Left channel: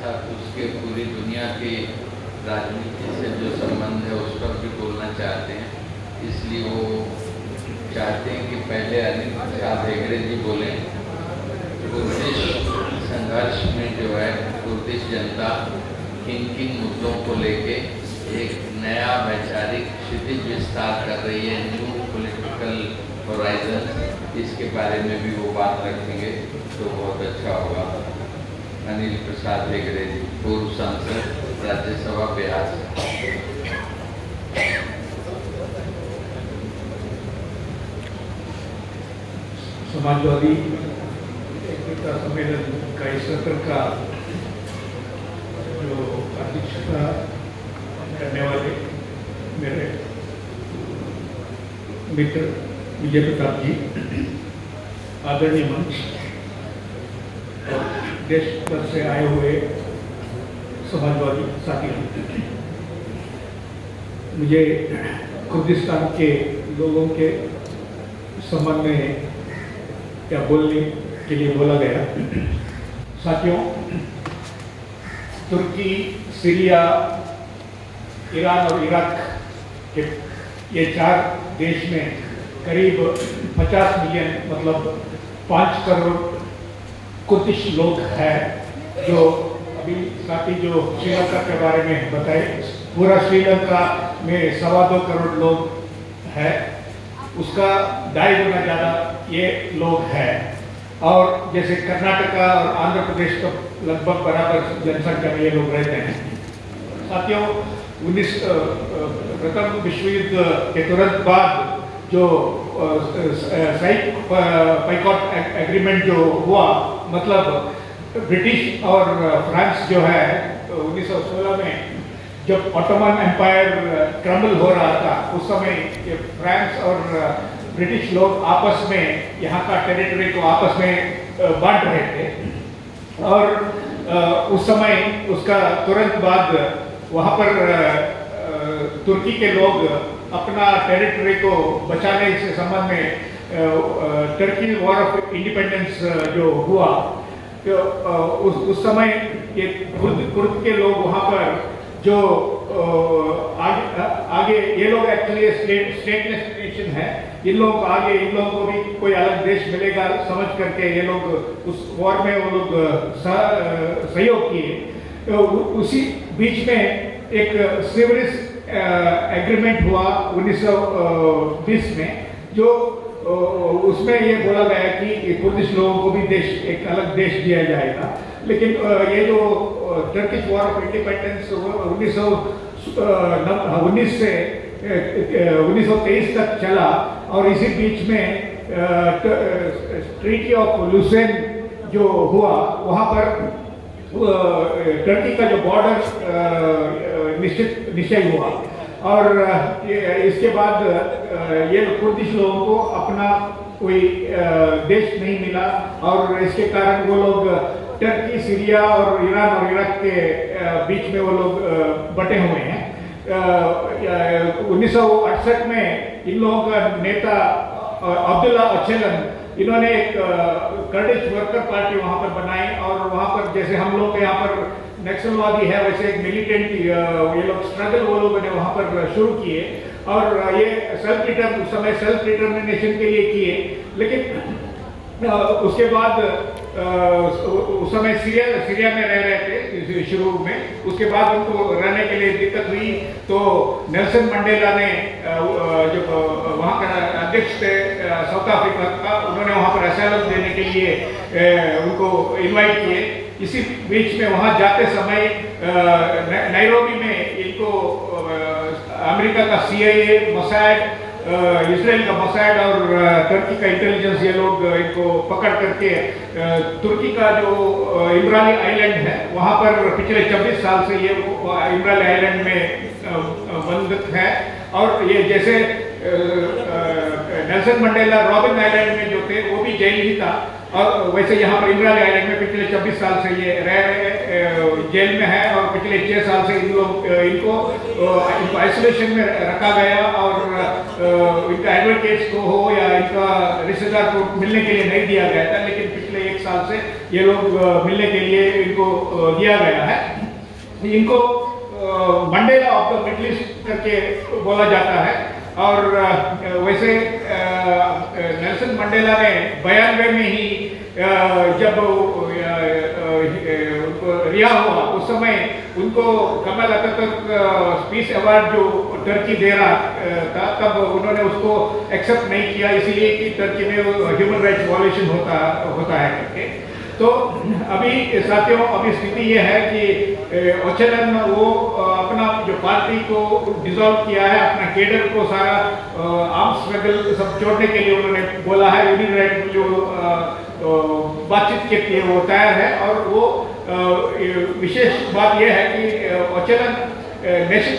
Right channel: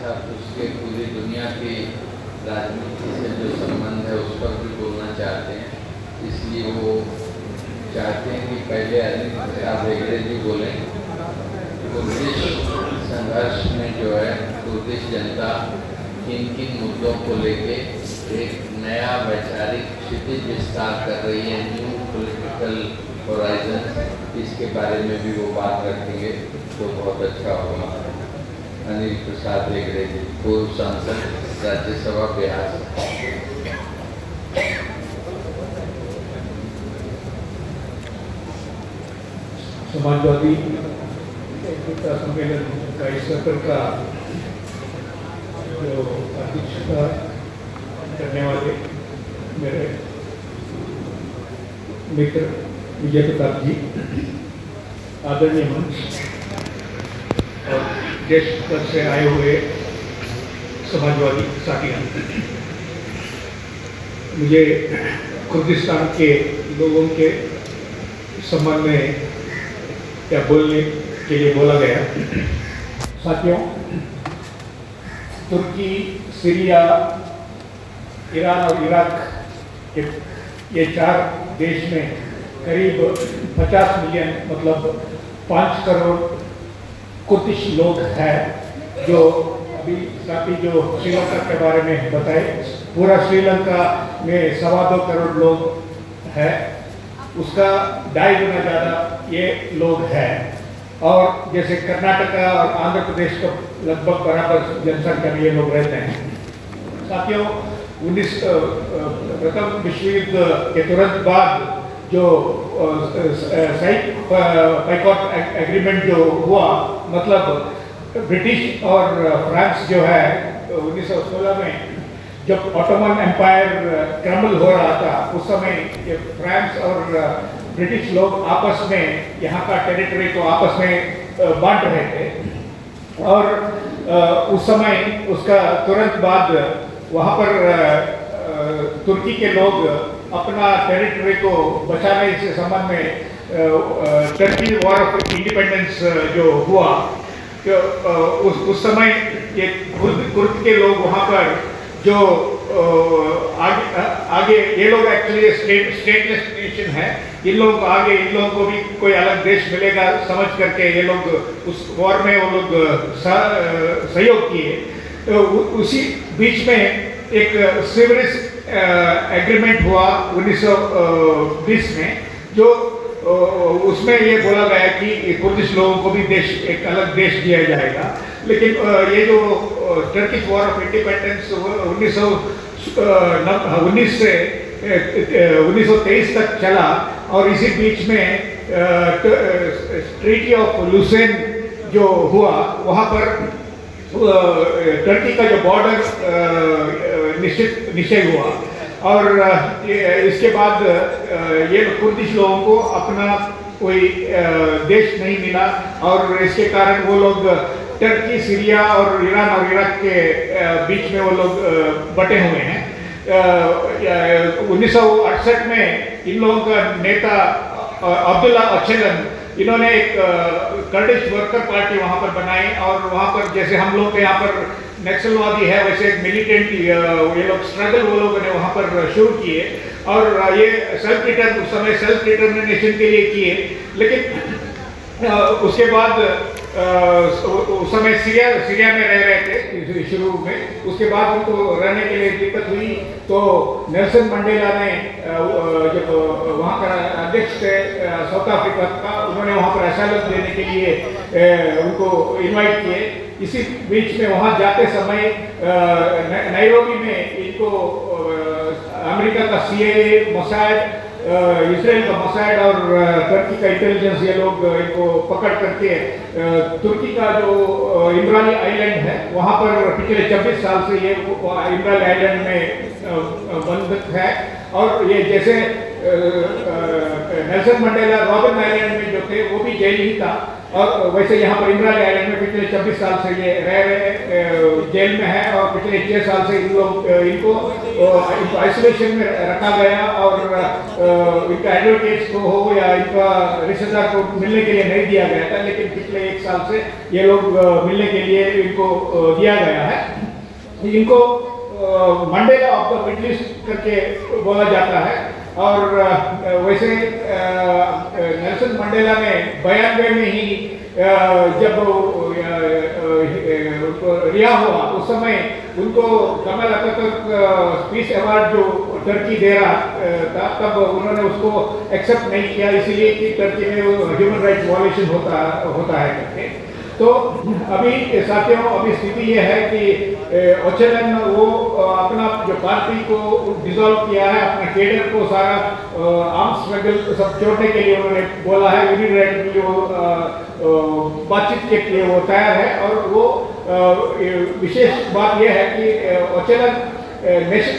उसके पूरी दुनिया की राजनीति से जो संबंध है उस पर भी बोलना चाहते हैं, इसलिए वो चाहते हैं कि पहले अनिल प्रसाद हेगड़े जी बोले। कुर्दिश संघर्ष में जो है कुर्दिश जनता किन किन मुद्दों को लेके एक नया वैचारिक क्षितिज विस्तार कर रही है, न्यू पॉलिटिकल होराइजन, इसके बारे में भी वो बात रखेंगे तो बहुत अच्छा होगा। अनिल प्रसाद हेगड़े जी, पूर्व सांसद, राज्यसभा बिहार। समाजवादी एकता सम्मेलन का इस सत्र का जो अध्यक्षता करने वाले मेरे मित्र विजय प्रताप जी, आदरणीय मंच और देश भर से आए हुए समाजवादी साथियों, मुझे कुर्दिस्तान के लोगों के संबंध में क्या बोलने के लिए बोला गया। साथियों, तुर्की, सीरिया, ईरान और इराक के ये 4 देश में करीब 50 मिलियन मतलब 5 करोड़ कुर्दिश लोग हैं, जो अभी साथी जो श्रीलंका के बारे में बताए, पूरा श्रीलंका में 2.25 करोड़ लोग हैं, उसका 2.5 गुना ज़्यादा ये लोग हैं। और जैसे कर्नाटका और आंध्र प्रदेश का लगभग बराबर जनसंख्या में ये लोग रहते हैं। साथियों, प्रथम विश्व युद्ध के तुरंत बाद जो बाइकॉट एग्रीमेंट जो हुआ, मतलब ब्रिटिश और फ्रांस जो है 1916 में जब ऑटोमन एम्पायर क्रम्बल हो रहा था, उस समय ये फ्रांस और ब्रिटिश लोग आपस में यहाँ का टेरिटरी को आपस में बांट रहे थे। और उस समय उसका तुरंत बाद वहाँ पर तुर्की के लोग अपना टेरिटरी को बचाने से संबंध में टर्की वॉर ऑफ इंडिपेंडेंस जो हुआ, उस समय ये कुर्द के लोग वहाँ पर जो आगे ये लोग एक्चुअली स्टेटलेस नेशन है, इन लोगों को आगे इन लोगों को भी कोई अलग देश मिलेगा समझ करके ये लोग उस वॉर में वो लोग सहयोग किए। तो उसी बीच में एक सिवरेज एग्रीमेंट हुआ 1920 में, जो उसमें ये बोला गया कि कुर्दिश लोगों को भी देश, एक अलग देश दिया जाएगा। लेकिन ये जो टर्किश वॉर ऑफ इंडिपेंडेंस 1919 से 1923 तक चला, और इसी बीच में ट्रीटी ऑफ लुसेन जो हुआ, वहाँ पर टर्की का जो बॉर्डर निश्चय हुआ। और इसके बाद ये कुर्दिश लोगों को अपना कोई देश नहीं मिला, और इसके कारण वो लोग टर्की, सीरिया और ईरान और इराक के बीच में वो लोग बटे हुए हैं। 1968 में इन लोगों का नेता अब्दुल्ला अचलन, इन्होंने एक कर्डिश वर्कर पार्टी वहाँ पर बनाई, और वहाँ पर जैसे हम लोग के यहाँ पर नक्सलवादी है, वैसे एक मिलिटेंट ये लोग स्ट्रगल वो लोगों ने वहाँ पर शुरू किए, और ये उस समय सेल्फ डिटर्मिनेशन के लिए किए। लेकिन उसके बाद उस समय सीरिया में रह रहे थे शुरू में, उसके बाद उनको रहने के लिए दिक्कत हुई, तो नेल्सन मंडेला ने जो वहाँ का अध्यक्ष थे साउथ अफ्रीका का, उन्होंने वहाँ पर असाइलम देने के लिए उनको इनवाइट किए। इसी बीच में वहाँ जाते समय नैरोबी में इनको अमेरिका का CIA, मोसाद, इसराइल का मोसाद और तुर्की का इंटेलिजेंस, ये लोग इनको पकड़ करके तुर्की का जो इमराली आइलैंड है, वहाँ पर पिछले 24 साल से ये इमराली आइलैंड में बंद है। और ये जैसे नेल्सन मंडेला रॉबिन आइलैंड में जो थे वो भी जेल ही था, और वैसे यहाँ पर इमराली आइलैंड में पिछले 24 साल से ये रह रहे जेल में है, और पिछले 6 साल से इनको आइसोलेशन में रखा गया, और इनका एडवोकेट्स को हो या इनका रिश्तेदार को मिलने के लिए नहीं दिया गया था। लेकिन पिछले 1 साल साल से ये लोग मिलने के लिए इनको दिया गया है। इनको Mandela of the middle east करके बोला जाता है और वैसे नेल्सन मंडेला ने 92 में ही जब रिहा हुआ उस समय उनको कमल अतातुर्क पीस अवार्ड जो टर्की दे रहा था, तब उन्होंने उसको एक्सेप्ट नहीं किया, इसीलिए कि टर्की में वो ह्यूमन राइट्स वायलेशन होता है करके। तो अभी साथियों, अभी स्थिति ये है कि ओचलन वो अपना जो पार्टी को डिसॉल्व किया है, अपने केडर को सारा आर्म्स स्ट्रगल सब छोड़ने के लिए उन्होंने बोला है। यूनिट जो बातचीत के लिए वो तैयार है और वो विशेष बात यह है कि ओचलन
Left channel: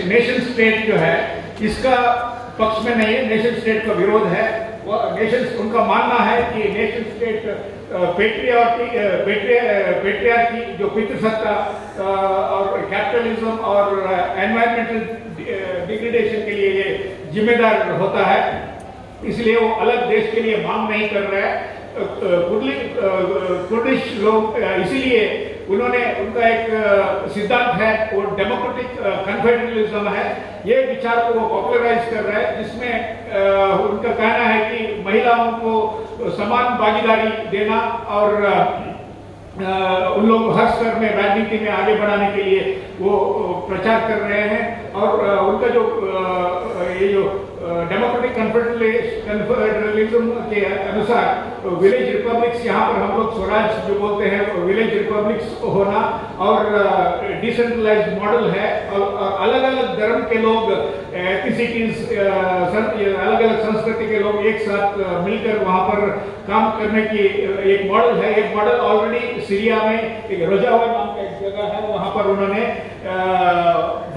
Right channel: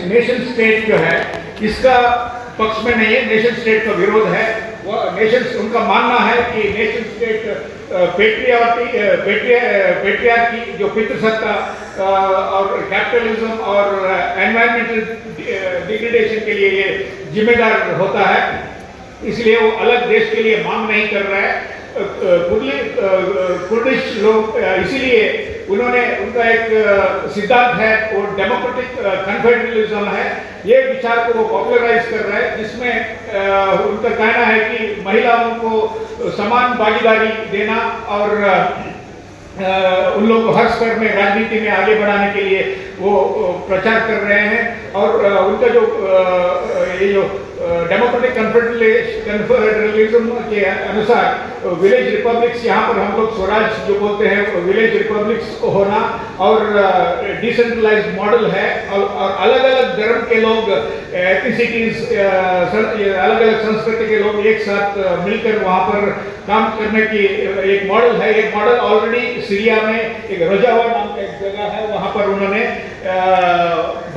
नेशन स्टेट जो है इसका पक्ष में नहीं है, नेशन स्टेट का विरोध है। नेशन, उनका मानना है कि नेशन स्टेट पेट्रियार्की जो पितृसत्ता और कैपिटलिज्म और एनवायरमेंटल डिग्रेडेशन के लिए ये जिम्मेदार होता है, इसलिए वो अलग देश के लिए मांग नहीं कर रहा है। कुर्दिश लोग इसीलिए उनका एक सिद्धांत है, वो डेमोक्रेटिक कन्फेडरलिज्म है। ये विचार को वो पॉपुलराइज कर रहा है, जिसमें उनका कहना है कि महिलाओं को समान भागीदारी देना और उन लोग को हर स्तर में राजनीति में आगे बढ़ाने के लिए वो प्रचार कर रहे हैं। और उनका जो ये जो डेमोक्रेटिक कन्फेडरलिज्म के अनुसार विलेज रिपब्लिक्स, यहाँ पर हम लोग स्वराज जो बोलते हैं विलेज रिपब्लिक्स होना और डिसेंट्रलाइज्ड मॉडल है और अलग अलग धर्म के लोग, एथनिसिटीज, अलग अलग संस्कृति के लोग एक साथ मिलकर वहाँ पर काम करने की एक मॉडल है। एक मॉडल ऑलरेडी सीरिया में एक रोजावा नाम का एक जगह है, वहाँ पर उन्होंने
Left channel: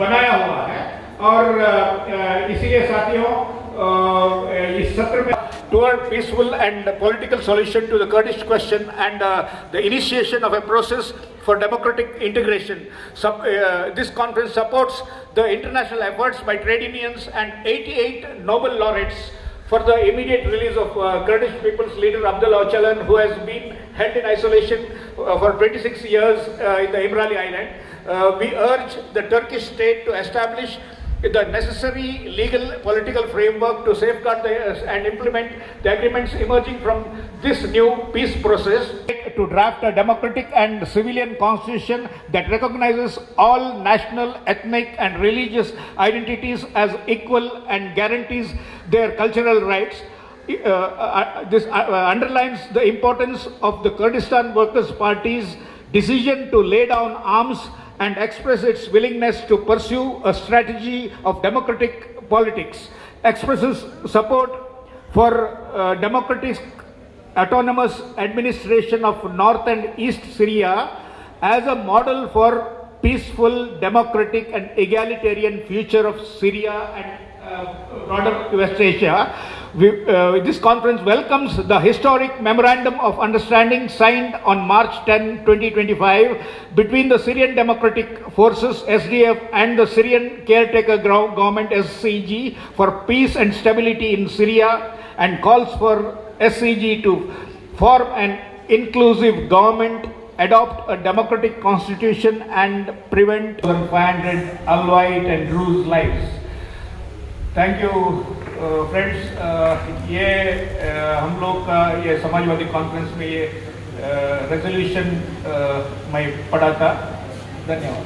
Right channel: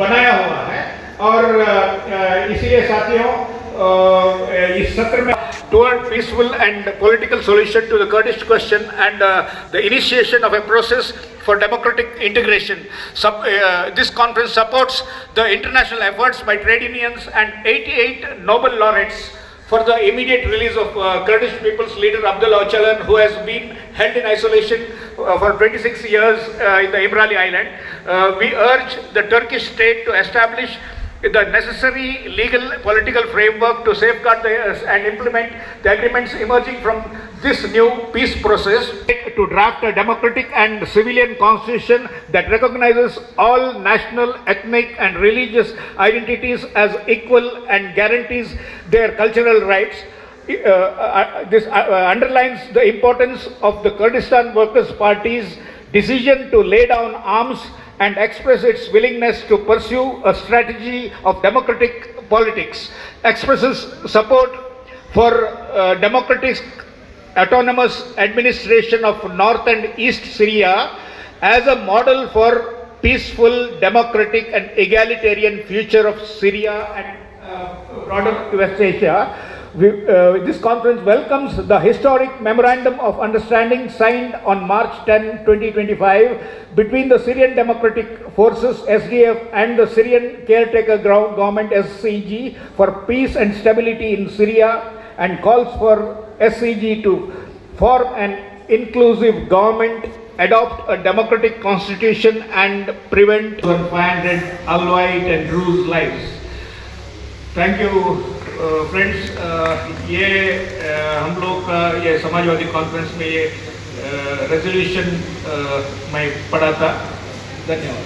बनाया हुआ है। और इसलिए साथियों, इस सत्र में toward peaceful and political solution to the Kurdish question and the initiation of a process for democratic integration. This conference supports the international efforts by trade unions and 88 Nobel laureates for the immediate release of Kurdish people's leader Abdullah Öcalan, who has been held in isolation for 26 years in the Imrali Island. We urge the Turkish state to establish the necessary legal political framework to safeguard and implement the agreements emerging from this new peace process, to draft a democratic and civilian constitution that recognizes all national, ethnic and religious identities as equal and guarantees their cultural rights. This underlines the importance of the Kurdistan Workers' Party's decision to lay down arms and express its willingness to pursue a strategy of democratic politics, expresses support for democratic autonomous administration of North and East Syria as a model for peaceful, democratic and egalitarian future of Syria and broader West Asia. This conference welcomes the historic Memorandum of Understanding signed on March 10, 2025 between the Syrian Democratic Forces SDF and the Syrian Caretaker Government SCG for peace and stability in Syria, and calls for SCG to form an inclusive government, adopt a democratic constitution and prevent 500 Alawite and Druze lives. Thank you. Friends, ये हम लोग का ये Samajwadi conference में ये resolution मैं पढ़ा था। धन्यवाद।